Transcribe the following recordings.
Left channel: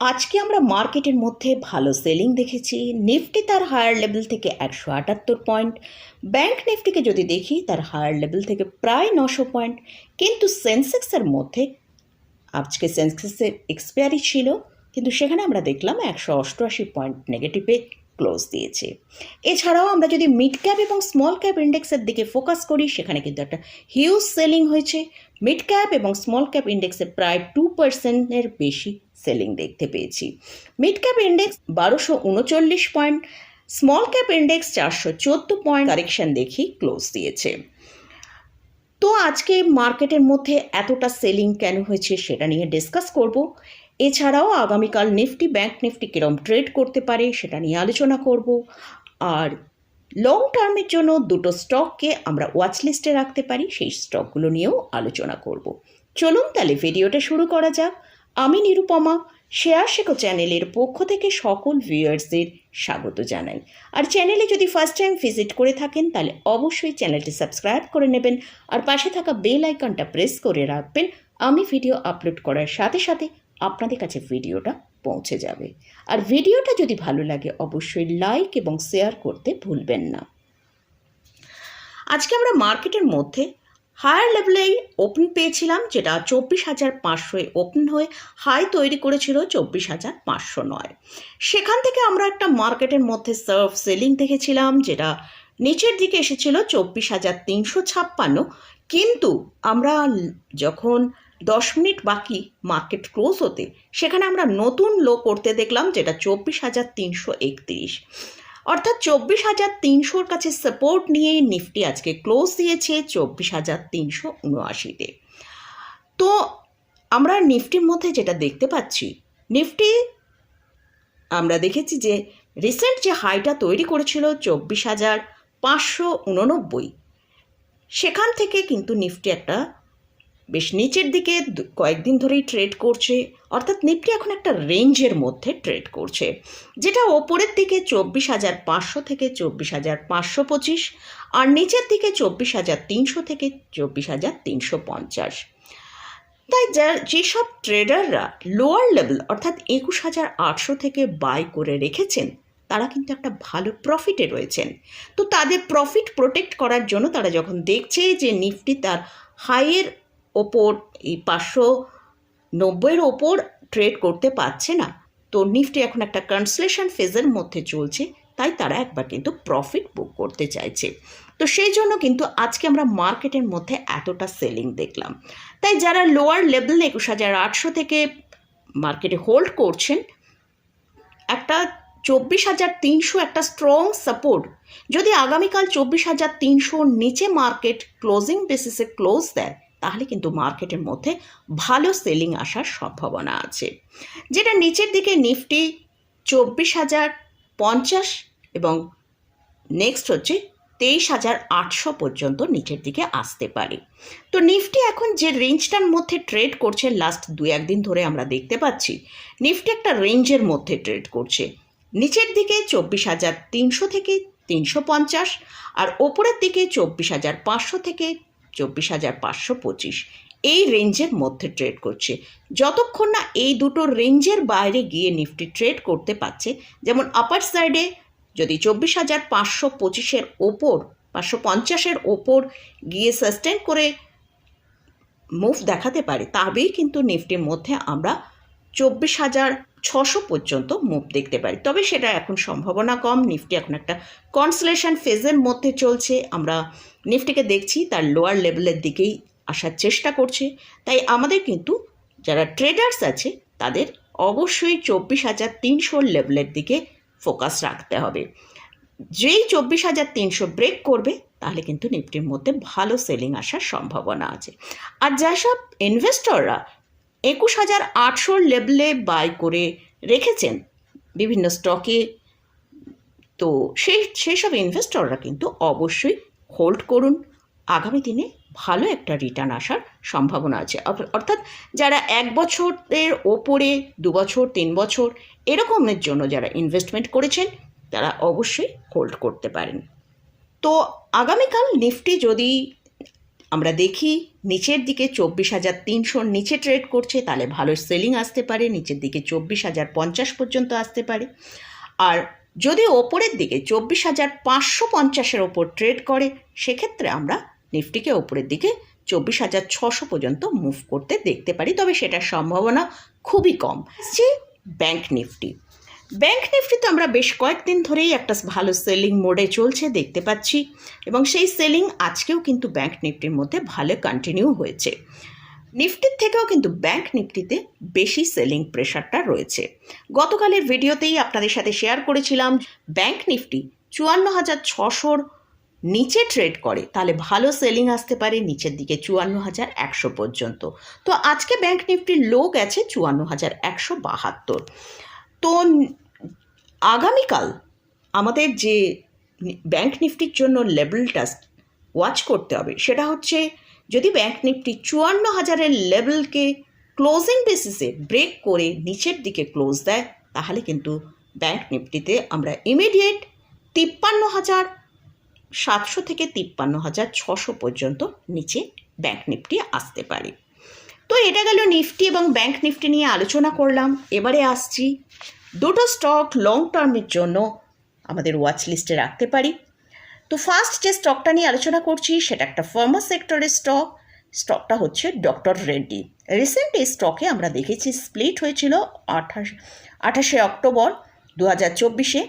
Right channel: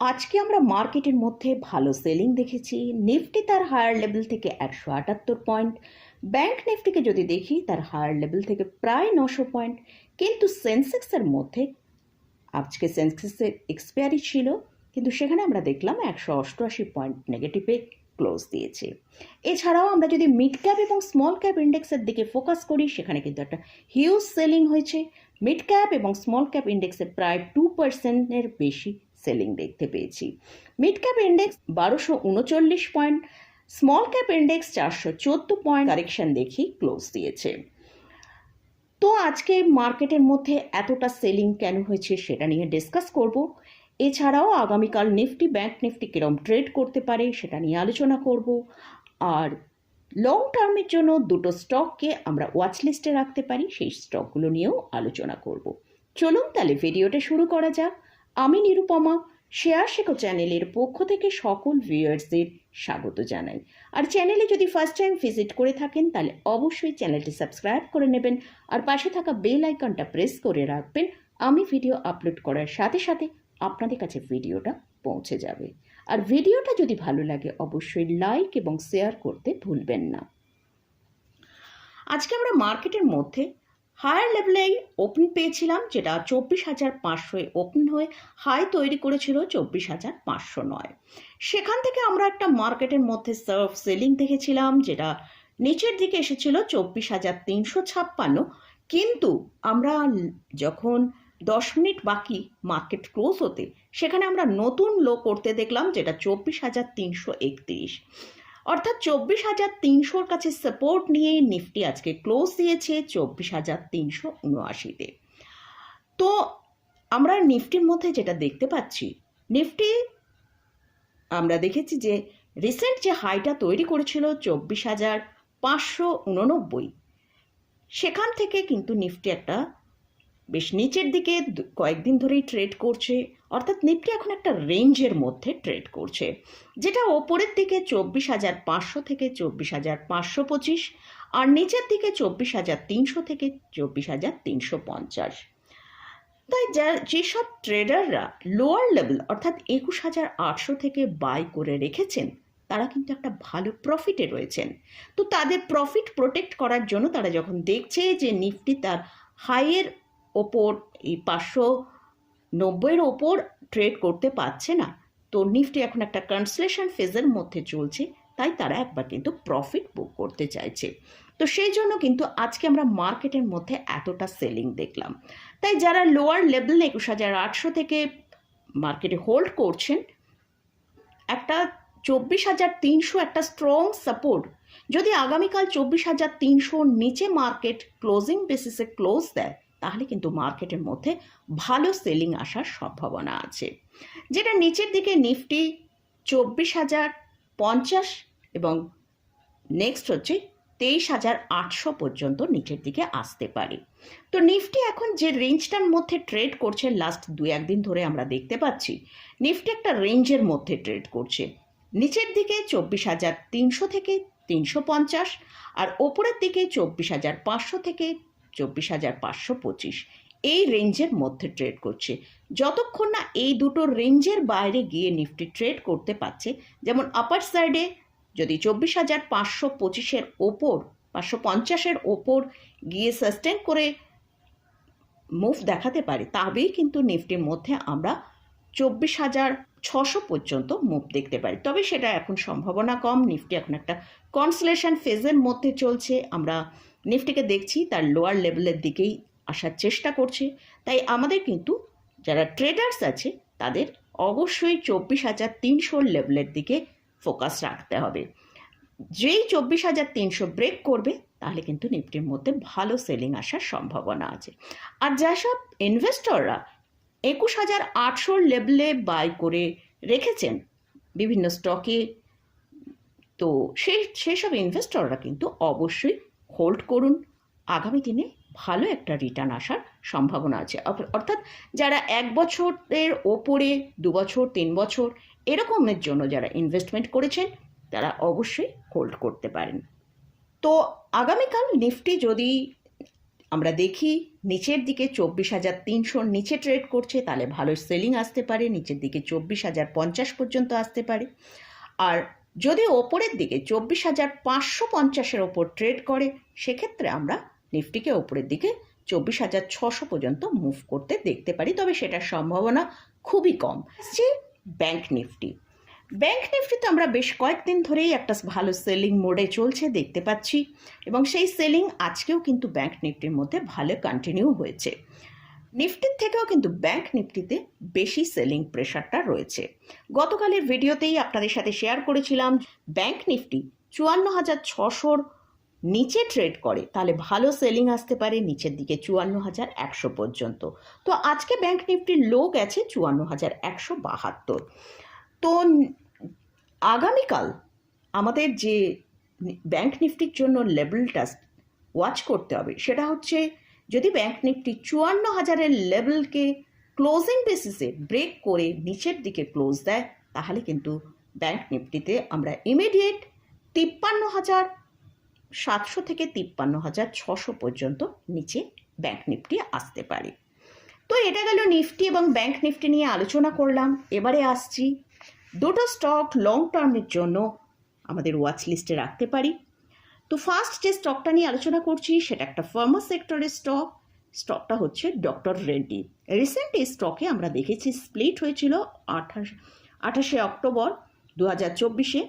আজকে আমরা মার্কেটের মধ্যে ভালো সেলিং দেখেছি। নিফটি তার হায়ার লেভেল থেকে একশো আটাত্তর পয়েন্ট। ব্যাংক নিফটিকে যদি দেখি, তার হায়ার লেভেল থেকে প্রায় নশো পয়েন্ট। কিন্তু সেন্সেক্সের মধ্যে, আজকে সেন্সেক্সের এক্সপায়ারি ছিল, কিন্তু সেখানে আমরা দেখলাম একশো অষ্টআশি পয়েন্ট নেগেটিভে ক্লোজ দিয়েছে। এছাড়াও আমরা যদি মিড ক্যাপ এবং স্মল ক্যাপ ইন্ডেক্সের দিকে ফোকাস করি, সেখানে কিন্তু একটা হিউজ সেলিং হয়েছে। মিড ক্যাপ এবং স্মল ক্যাপ ইন্ডেক্সে প্রায় টু পার্সেন্টের বেশি সেলিং দেখতে পেয়েছি। মিড ক্যাপ ইন্ডেক্স বারোশো উনচল্লিশ পয়েন্ট, স্মল ক্যাপ ইন্ডেক্স চারশো চোদ্দ পয়েন্ট কারেকশন দেখি ক্লোজ দিয়েছে। তো আজকে মার্কেটের মধ্যে এতটা সেলিং কেন হয়েছে সেটা নিয়ে ডিসকাস করব। এছাড়াও আগামীকাল নিফটি, ব্যাংক নিফটি কিরম ট্রেড করতে পারে সেটা নিয়ে আলোচনা করব। আর লং টার্মের জন্য দুটো স্টককে আমরা ওয়াচ লিস্টে রাখতে পারি, সেই স্টকগুলো নিয়েও আলোচনা করব। চলুন তাহলে ভিডিওটা শুরু করা যাক। আমি নিরুপমা শেয়ার শেখো চ্যানেলের পক্ষ থেকে সকল ভিউয়ার্সদের স্বাগত জানাই। আর চ্যানেলে যদি ফার্স্ট টাইম ভিজিট করে থাকেন, তাহলে অবশ্যই চ্যানেলটি সাবস্ক্রাইব করে নেবেন আর পাশে থাকা বেল আইকনটা প্রেস করে রাখবেন। আমি ভিডিও আপলোড করার সাথে সাথে আপনাদের কাছে ভিডিওটা পৌঁছে যাবে। আর ভিডিওটা যদি ভালো লাগে, অবশ্যই লাইক এবং শেয়ার করতে ভুলবেন না। আজকে আমরা মার্কেটের মধ্যে হায়ার লেভেলেই ওপেন পেয়েছিলাম, যেটা চব্বিশ হাজার পাঁচশোয় ওপেন হয়ে হাই তৈরি করেছিল চব্বিশ হাজার পাঁচশো নয়। সেখান থেকে আমরা একটা মার্কেটের মধ্যে সার্ভ সেলিং দেখেছিলাম, যেটা নিচের দিকে এসেছিল চব্বিশ হাজার তিনশো ছাপ্পান্ন। কিন্তু আমরা যখন দশ মিনিট বাকি মার্কেট ক্লোজ হতে, সেখানে আমরা নতুন লো করতে দেখলাম, যেটা চব্বিশ হাজার তিনশো একত্রিশ। অর্থাৎ চব্বিশ হাজার তিনশোর কাছে সাপোর্ট নিয়ে নিফটি আজকে ক্লোজ দিয়েছে চব্বিশ হাজার তিনশো উনআশিতে। তো আমরা নিফটির মধ্যে যেটা দেখতে পাচ্ছি নিফটি আমরা দেখেছি যে রিসেন্ট যে হাইটা তৈরি করেছিল চব্বিশ হাজার পাঁচশো উননব্বই, সেখান থেকে কিন্তু নিফটি একটা বেশ নিচের দিকে কয়েকদিন ধরেই ট্রেড করছে। অর্থাৎ নিফটি এখন একটা রেঞ্জের মধ্যে ট্রেড করছে। যেটা ওপরের দিকে চব্বিশ হাজার পাঁচশো থেকে চব্বিশ হাজার পাঁচশো পঁচিশ আর নিচের দিকে চব্বিশ হাজার তিনশো থেকে চব্বিশ হাজার তিনশো পঞ্চাশ। তাই যা, যেসব ট্রেডাররা লোয়ার লেভেল অর্থাৎ একুশ হাজার আটশো থেকে বাই করে রেখেছেন, তারা কিন্তু একটা ভালো প্রফিটে রয়েছেন। তো তাদের প্রফিট প্রোটেক্ট করার জন্য তারা যখন দেখছে যে নিফটি তার হাইয়ের ওপর, এই পাঁচশো নব্বইয়ের ওপর ট্রেড করতে পারছে না। তো নিফটি এখন একটা কনসলেশন ফেজের মধ্যে চলছে, তাই তারা একবার কিন্তু প্রফিট বুক করতে চাইছে। তো সেই জন্য কিন্তু আজকে আমরা মার্কেটের মধ্যে এতটা সেলিং দেখলাম। তাই যারা লোয়ার লেভেল একুশ হাজার আটশো থেকে মার্কেটে হোল্ড করছেন, একটা চব্বিশ হাজার তিনশো একটা স্ট্রং সাপোর্ট যদি আগামীকাল চব্বিশ হাজার তিনশোর নিচে মার্কেট ক্লোজিং বেসিসে ক্লোজ দেয় তাহলে কিন্তু মার্কেটের মধ্যে ভালো সেলিং আসার সম্ভাবনা আছে। যেটা নিচের দিকে নিফটি চব্বিশ হাজার পঞ্চাশ এবং নেক্সট হচ্ছে তেইশ হাজার আটশো পর্যন্ত নিচের দিকে আসতে পারে। তো নিফটি এখন যে রেঞ্জটার মধ্যে ট্রেড করছে লাস্ট দু একদিন ধরে আমরা দেখতে পাচ্ছি, নিফটি একটা রেঞ্জের মধ্যে ট্রেড করছে। নিচের দিকে চব্বিশ হাজার তিনশো থেকে তিনশো পঞ্চাশ আর ওপরের দিকে চব্বিশ হাজার পাঁচশো থেকে চব্বিশ হাজার পাঁচশো পঁচিশ। এই রেঞ্জের মধ্যে ট্রেড করছে। যতক্ষণ না এই দুটো রেঞ্জের বাইরে গিয়ে নিফটি ট্রেড করতে পারছে, যেমন আপার সাইডে যদি চব্বিশ হাজার পাঁচশো পঁচিশের ওপর, পাঁচশো পঞ্চাশের ওপর গিয়ে সাস্টেন করে মুভ দেখাতে পারে, তবেই কিন্তু নিফটির মধ্যে আমরা চব্বিশ হাজার ছশো পর্যন্ত মুভ দেখতে পারি। তবে সেটা এখন সম্ভাবনা কম। নিফটি এখন একটা কনসলেশন ফেজের মধ্যে চলছে। আমরা নিফটিকে দেখছি, তার লোয়ার লেভেলের দিকেই আসার চেষ্টা করছে। তাই আমাদের কিন্তু যারা ট্রেডার্স আছে, তাদের অবশ্যই চব্বিশ হাজার তিনশোর লেভেলের দিকে ফোকাস রাখতে হবে। যেই চব্বিশ হাজার তিনশো ব্রেক করবে, তাহলে কিন্তু নিফটির মধ্যে ভালো সেলিং আসার সম্ভাবনা আছে। আর যেসব ইনভেস্টররা একুশ হাজার আটশোর লেভেলে বাই করে রেখেছেন বিভিন্ন স্টকে। তো সেই সেসব ইনভেস্টররা কিন্তু অবশ্যই হোল্ড করুন। আগামী দিনে ভালো একটা রিটার্ন আসার সম্ভাবনা আছে। অর্থাৎ যারা এক বছরের ওপরে, দু বছর, তিন বছর এরকমের জন্য যারা ইনভেস্টমেন্ট করেছেন, তারা অবশ্যই হোল্ড করতে পারেন। তো আগামীকাল নিফটি যদি আমরা দেখি নিচের দিকে চব্বিশ হাজার তিনশোর নিচে ট্রেড করছে, তাহলে ভালো সেলিং আসতে পারে, নিচের দিকে চব্বিশ হাজার পঞ্চাশ পর্যন্ত আসতে পারে। আর যদি ওপরের দিকে চব্বিশ হাজার পাঁচশো পঞ্চাশের ওপর ট্রেড করে, সেক্ষেত্রে আমরা নিফটিকে ওপরের দিকে চব্বিশ হাজার ছশো পর্যন্ত মুভ করতে দেখতে পারি, তবে সেটার সম্ভাবনা খুবই কম। যে ব্যাংক নিফটি। ব্যাংক নিফটিতে আমরা বেশ কয়েকদিন ধরেই একটা ভালো সেলিং মোডে চলছে, দেখতে পাচ্ছি। এবং সেই সেলিং আজকেও কিন্তু ব্যাংক নিফটির মধ্যে ভালো কন্টিনিউ হয়েছে। নিফটির থেকেও কিন্তু ব্যাংক নিফটিতে বেশি সেলিং প্রেশারটা রয়েছে। গতকালের ভিডিওতেই আপনাদের সাথে শেয়ার করেছিলাম ব্যাংক নিফটি চুয়ান্ন হাজার ছশোর নিচে ট্রেড করে, তাহলে ভালো সেলিং আসতে পারে নিচের দিকে চুয়ান্ন হাজার একশো পর্যন্ত। তো আজকে ব্যাংক নিফটির লো গেছে চুয়ান্ন হাজার একশো বাহাত্তর। তো আগামীকাল আমাদের যে ব্যাংক নিফটির জন্য লেভেলটা ওয়াচ করতে হবে, সেটা হচ্ছে যদি ব্যাংক নিফটি চুয়ান্ন হাজারের লেভেলকে ক্লোজিং বেসিসে ব্রেক করে নিচের দিকে ক্লোজ দেয়, তাহলে কিন্তু ব্যাংক নিফটিতে আমরা ইমিডিয়েট তিপ্পান্ন হাজার সাতশো থেকে তিপ্পান্ন হাজার ছশো পর্যন্ত নিচে ব্যাংক নিফটি আসতে পারে। তো এটা গেল নিফটি এবং ব্যাংক নিফটি নিয়ে আলোচনা করলাম। এবারে আসছি দুটো স্টক লং টার্মের জন্য আমাদের ওয়াচ লিস্টে রাখতে পারি। তো ফার্স্ট যে স্টকটা নিয়ে আলোচনা করছি, সেটা একটা ফার্মা সেক্টরের স্টক স্টকটা হচ্ছে ডক্টর রেড্ডি রিসেন্ট এই স্টকে আমরা দেখেছি স্প্লিট হয়েছিল আঠাশ, আঠাশে অক্টোবর দু হাজার চব্বিশে।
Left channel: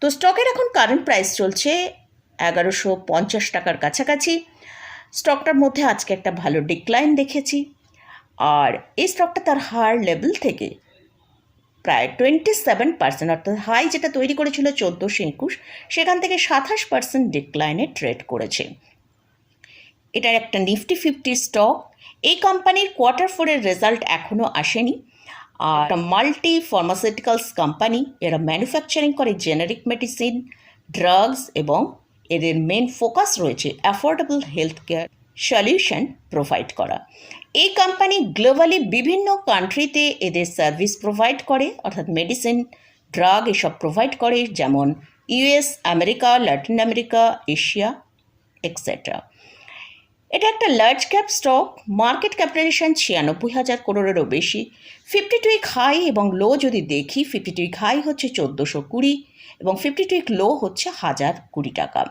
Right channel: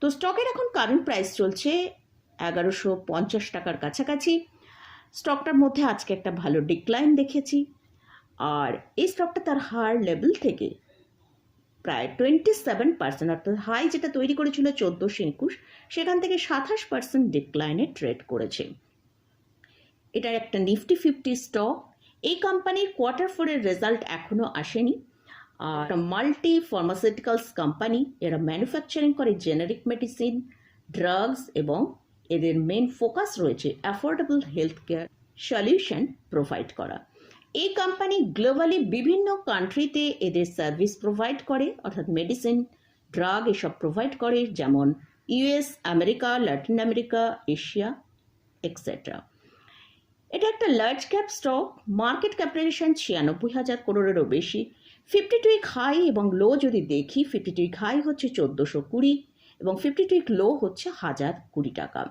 তো স্টকের এখন কারেন্ট প্রাইস চলছে এগারোশো পঞ্চাশ টাকার কাছাকাছি। স্টকটার মধ্যে আজকে একটা ভালো ডিক্লাইন দেখেছি। আর এই স্টকটা তার হার লেভেল থেকে প্রায় টোয়েন্টি সেভেন পার্সেন্ট অর্থাৎ হাই যেটা তৈরি করেছিল চোদ্দোশো একুশ, সেখান থেকে সাতাশ পার্সেন্ট ডিক্লাইনে ট্রেড করেছে। এটার একটা নিফটি ফিফটি স্টক এই কোম্পানির কোয়ার্টার ফোরের রেজাল্ট এখনও আসেনি। আর মাল্টি ফার্মাসিউটিক্যালস কোম্পানি এরা ম্যানুফ্যাকচারিং করে জেনারিক মেডিসিন ড্রাগস এবং এদের মেন ফোকাস রয়েছে affordable health care solution provide করা। এই কোম্পানি গ্লোবালি বিভিন্ন কান্ট্রিতে এদের সার্ভিস প্রোভাইড করে, অর্থাৎ মেডিসিন ড্রাগ এসব প্রোভাইড করে, যেমন US America Latin America Asia etcetera এটা একটা large cap stock market capitalisation ছিয়ানব্বই হাজার করোড়েরও বেশি ফিফটি টুইক হাই এবং লো যদি দেখি ফিফটি টুইক হাই হচ্ছে চোদ্দোশো কুড়ি এবং ফিফটি টুইক লো হচ্ছে হাজার কুড়ি টাকা।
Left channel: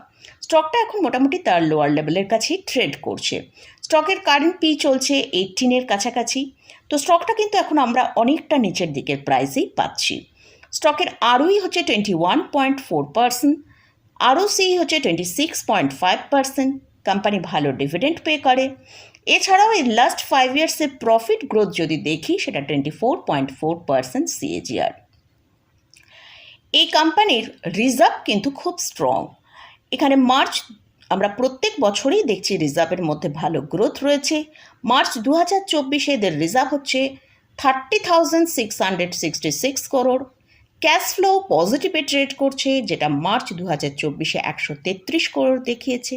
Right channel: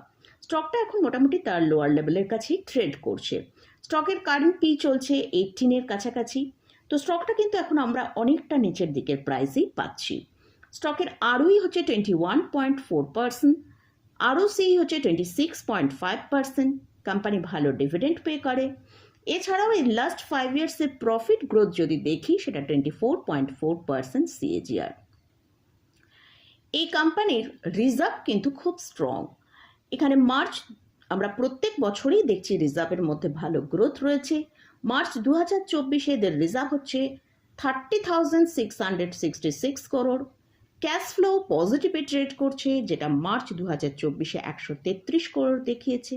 স্টকটা এখন মোটামুটি তার লোয়ার লেভেলের কাছেই ট্রেড করছে। স্টকের কারেন্ট পি চলছে এইটিনের কাছাকাছি। তো স্টকটা কিন্তু এখন আমরা অনেকটা নিচের দিকের প্রাইসেই পাচ্ছি। স্টকের আরওই হচ্ছে twenty one point four percent আরও হচ্ছে twenty six point five percent company ভালো ডিভিডেন্ড পে করে। এছাড়াও এই লাস্ট ফাইভ ইয়ার্সের প্রফিট গ্রোথ যদি দেখি, সেটা twenty four point four percent CAGR এই কোম্পানির রিজার্ভ কিন্তু খুব স্ট্রং এখানে মার্চ আমরা প্রত্যেক বছরেই দেখছি রিজার্ভের মধ্যে ভালো গ্রোথ রয়েছে। মার্চ দু হাজার চব্বিশে এদের রিজার্ভ হচ্ছে thirty thousand six hundred sixty six crore cash flow পজিটিভে trade করছে, যেটা মার্চ দু হাজার চব্বিশে একশো তেত্রিশ করোড় দেখিয়েছে।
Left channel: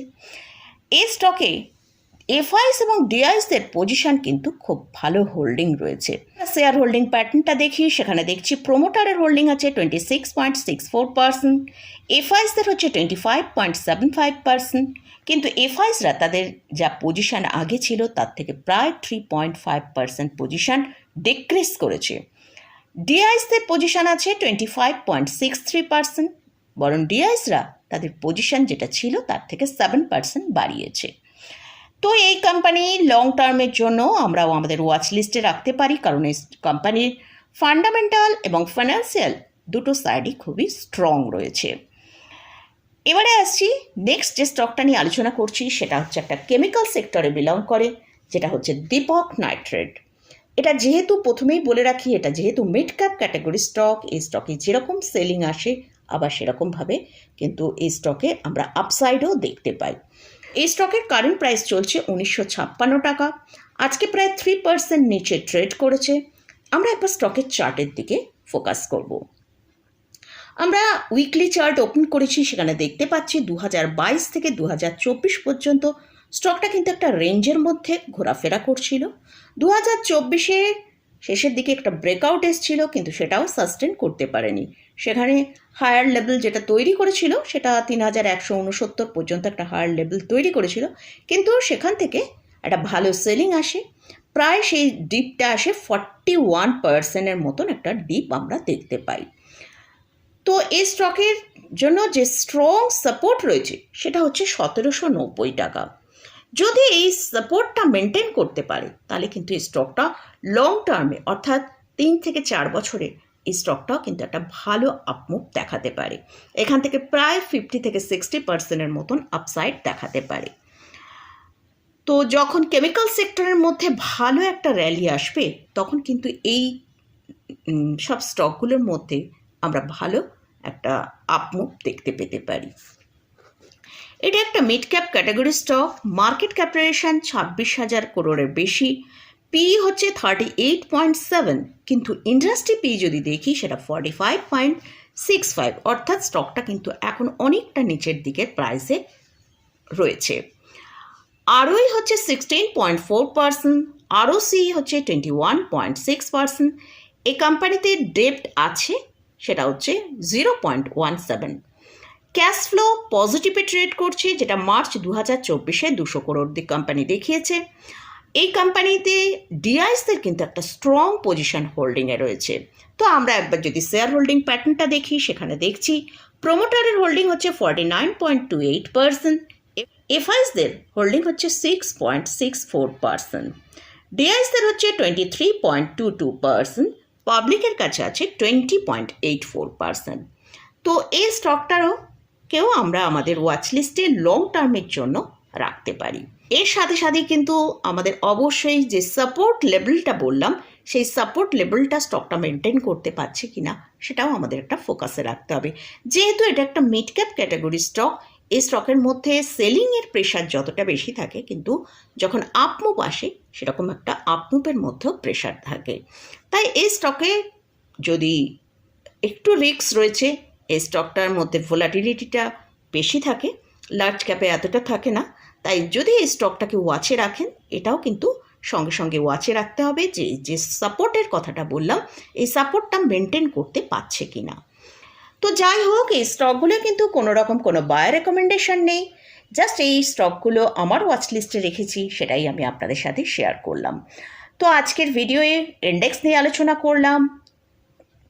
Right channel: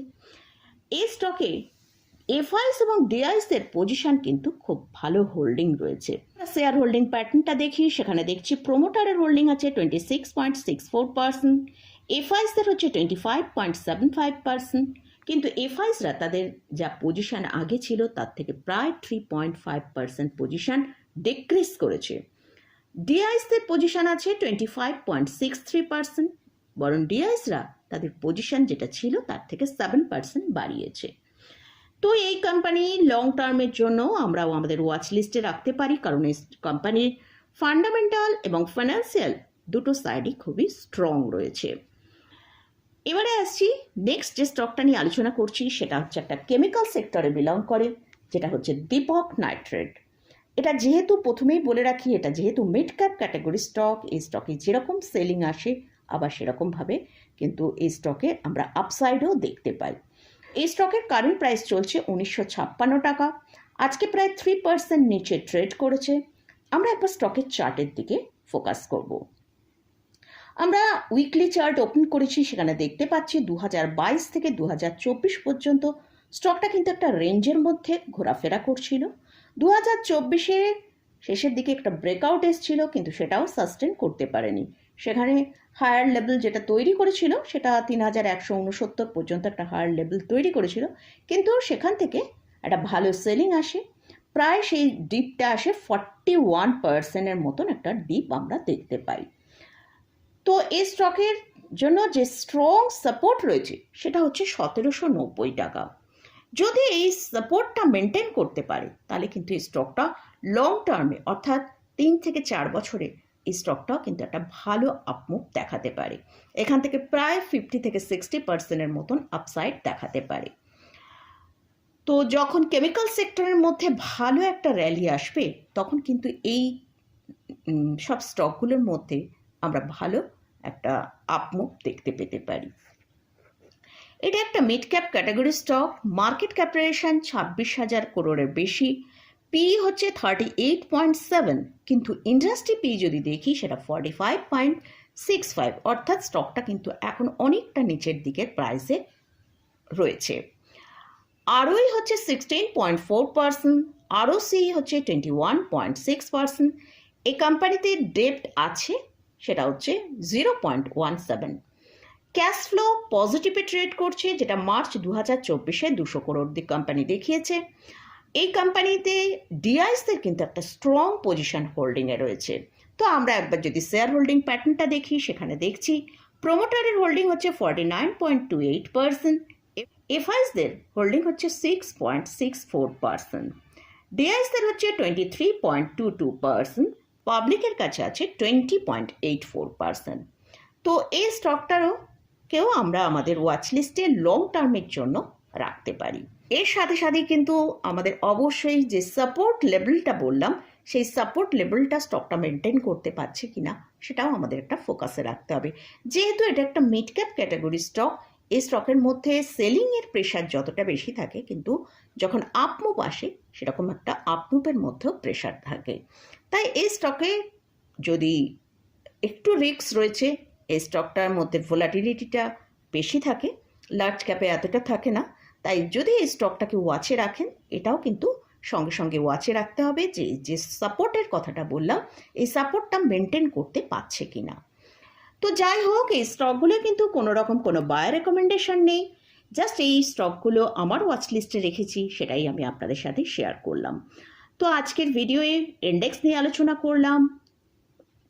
এ স্টকে এফআইএস এবং ডিআইএসদের পজিশন কিন্তু খুব ভালো হোল্ডিং রয়েছে। শেয়ার হোল্ডিং প্যাটার্নটা দেখি, সেখানে দেখছি প্রোমোটারের হোল্ডিং আছে twenty six point six four percent এফআইএসদের হচ্ছে twenty five point seven five percent কিন্তু এফআইএসরা তাদের যা পজিশন আগে ছিল, তার থেকে প্রায় three point five percent position decrease করেছে। ডিআইএসদের পজিশন আছে twenty five point six three percent বরং ডিআইএসরা তাদের পজিশন যেটা ছিল, তার থেকে সেভেন পার্সেন্ট বাড়িয়েছে। তো এই কোম্পানি লং টার্মের জন্য আমরাও আমাদের ওয়াচ লিস্টে রাখতে পারি। কারণ এই কোম্পানির ফান্ডামেন্টাল এবং ফাইন্যান্সিয়াল দুটো সাইডই খুবই স্ট্রং রয়েছে। এবারে আসছি নেক্সট যে স্টকটা নিয়ে আলোচনা করছি, সেটা হচ্ছে একটা কেমিক্যাল সেক্টরে বিলং করে, যেটা হচ্ছে দীপক নাইট্রেট এটা যেহেতু প্রথমেই বলে রাখি, এটা যেহেতু মিড ক্যাপ ক্যাটাগরি স্টক এই স্টকে যেরকম সেলিং আসে, আবার সেরকমভাবে কিন্তু এই স্টকে আমরা আপসাইডও দেখতে পাই। এই স্টকের কারেন্ট প্রাইস চলছে উনিশশো ছাপ্পান্ন টাকা। আজকে প্রায় থ্রি পার্সেন্ট নিচে ট্রেড করেছে। আমরা একবার স্টকের চার্টের দিকে ফোকাস করব। আমরা উইকলি চার্ট ওপেন করেছি, সেখানে দেখতে পাচ্ছি দু বাইশ থেকে দু পর্যন্ত স্টকটা কিন্তু একটা রেঞ্জের মধ্যে ঘোরাফেরা করছিল। দু হাজার চব্বিশে শেষের দিকে একটা ব্রেকআউট এসেছিল, কিন্তু সেটাও সাস্টেন করতে পারেনি। সেখানে হায়ার লেভেল যেটা তৈরি করেছিল, সেটা তিন হাজার একশো উনসত্তর পর্যন্ত একটা হায়ার লেভেল তৈরি করেছিল। কিন্তু সেখান থেকে একটা ভালো সেলিং আসে। প্রায় সেই ডিপটা আসে ফর্টি ওয়ান পার্সেন্টের মতন একটা ডিপ আমরা দেখতে পাই। তো এই স্টকের জন্য যে স্ট্রং সাপোর্ট রয়েছে, সেটা হচ্ছে সতেরোশো নব্বই টাকা। যদি এই সাপোর্টটা মেনটেন করতে পারে, তাহলে কিন্তু এই স্টকটা লং টার্মে অর্থাৎ তিন থেকে চার বছরে এই স্টকটাও কিন্তু একটা ভালো আপমুভ দেখাতে পারে। এখান থেকে প্রায় ফিফটি থেকে সিক্সটি পার্সেন্টের মতন আপসাইড দেখাতে পারে। তো যখন কেমিক্যাল সেক্টরের মধ্যে ভালো একটা র্যালি আসবে, তখন কিন্তু এই সব স্টকগুলোর মধ্যে আমরা ভালো একটা আপমুভ দেখতে পেতে পারি। এটা একটা mid cap category stock market capitalisation ছাব্বিশ হাজার করোড়ের বেশি। পি হচ্ছে থার্টি এইট পয়েন্ট সেভেন কিন্তু ইন্ডাস্ট্রি পি যদি দেখি সেটা forty five point six five অর্থাৎ স্টকটা কিন্তু এখন অনেকটা নিচের দিকের প্রাইসে রয়েছে। আরওই হচ্ছে sixteen point four percent ROCE হচ্ছে twenty one point six percent এই কোম্পানিতে ডেপ্ট আছে, সেটা হচ্ছে zero point one seven cash flow পজিটিভে trade করছে, যেটা মার্চ দু হাজার চব্বিশে দুশো করোড় দিক কোম্পানি দেখিয়েছে। এই কোম্পানিতে ডিআইসদের কিন্তু একটা স্ট্রং পজিশন হোল্ডিংয়ে রয়েছে। তো আমরা একবার যদি শেয়ার হোল্ডিং প্যাটার্নটা দেখি, সেখানে দেখছি প্রোমোটারের হোল্ডিং হচ্ছে forty nine point two eight percent এফআইসদের holding হচ্ছে six point six four percent ডিআইসদের হচ্ছে twenty three point two two percent পাবলিকের কাছে আছে twenty point eight four percent তো এই স্টকটারও কেউ আমরা আমাদের ওয়াচ লিস্টে লং টার্মের জন্য রাখতে পারি। এর সাথে সাথে কিন্তু আমাদের অবশ্যই যে সাপোর্ট লেভেলটা বললাম, সেই সাপোর্ট লেভেলটা স্টকটা মেনটেন করতে পারছে কিনা, সেটাও আমাদের একটা ফোকাসে রাখতে হবে। যেহেতু এটা একটা মিড ক্যাপ ক্যাটাগরি স্টক এই স্টকের মধ্যে সেলিংয়ের প্রেশার যতটা বেশি থাকে, কিন্তু যখন আপমুভ আসে, সেরকম একটা আপমুভের মধ্যেও প্রেশার থাকে। তাই এই স্টকে যদি একটু রিস্ক রয়েছে এই স্টকটার মধ্যে ভোলাটিলিটিটা বেশি থাকে লার্জ ক্যাপে এতটা থাকে না। তাই যদি এই স্টকটাকে ওয়াচে রাখেন, এটাও কিন্তু সঙ্গে সঙ্গে ওয়াচে রাখতে হবে যে যে সাপোর্টের কথাটা বললাম, এই সাপোর্টটা মেনটেন করতে পারছে কি না তো যাই হোক, এই স্টকগুলো কিন্তু কোনো রকম কোনো বায়ার রেকমেন্ডেশন নেই। জাস্ট এই স্টকগুলো আমার ওয়াচ লিস্টে রেখেছি, সেটাই আমি আপনাদের সাথে শেয়ার করলাম। তো আজকের ভিডিওয়ে ইন্ডেক্স নিয়ে আলোচনা করলাম।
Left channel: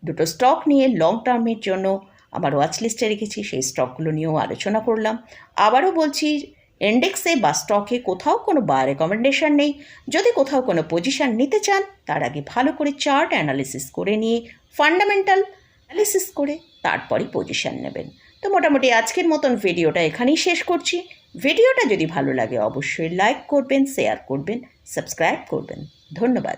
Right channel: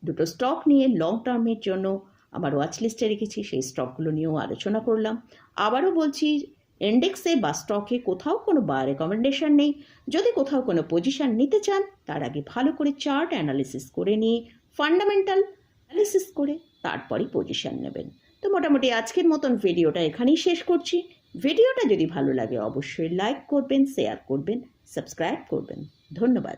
দুটো স্টক নিয়ে লং টার্মের জন্য আমার ওয়াচ লিস্টে রেখেছি, সেই স্টকগুলো নিয়েও আলোচনা করলাম। আবারও বলছি ইন্ডেক্সে বা স্টকে কোথাও কোনো বা রেকমেন্ডেশন নেই। যদি কোথাও কোনো পজিশন নিতে চান, তার আগে ভালো করে চার্ট অ্যানালিসিস করে নিয়ে ফান্ডামেন্টাল অ্যানালিসিস করে তারপরই পজিশন নেবেন। তো মোটামুটি আজকের মতন ভিডিওটা এখানেই শেষ করছি। ভিডিওটা যদি ভালো লাগে, অবশ্যই লাইক করবেন শেয়ার করবেন সাবস্ক্রাইব করবেন। ধন্যবাদ।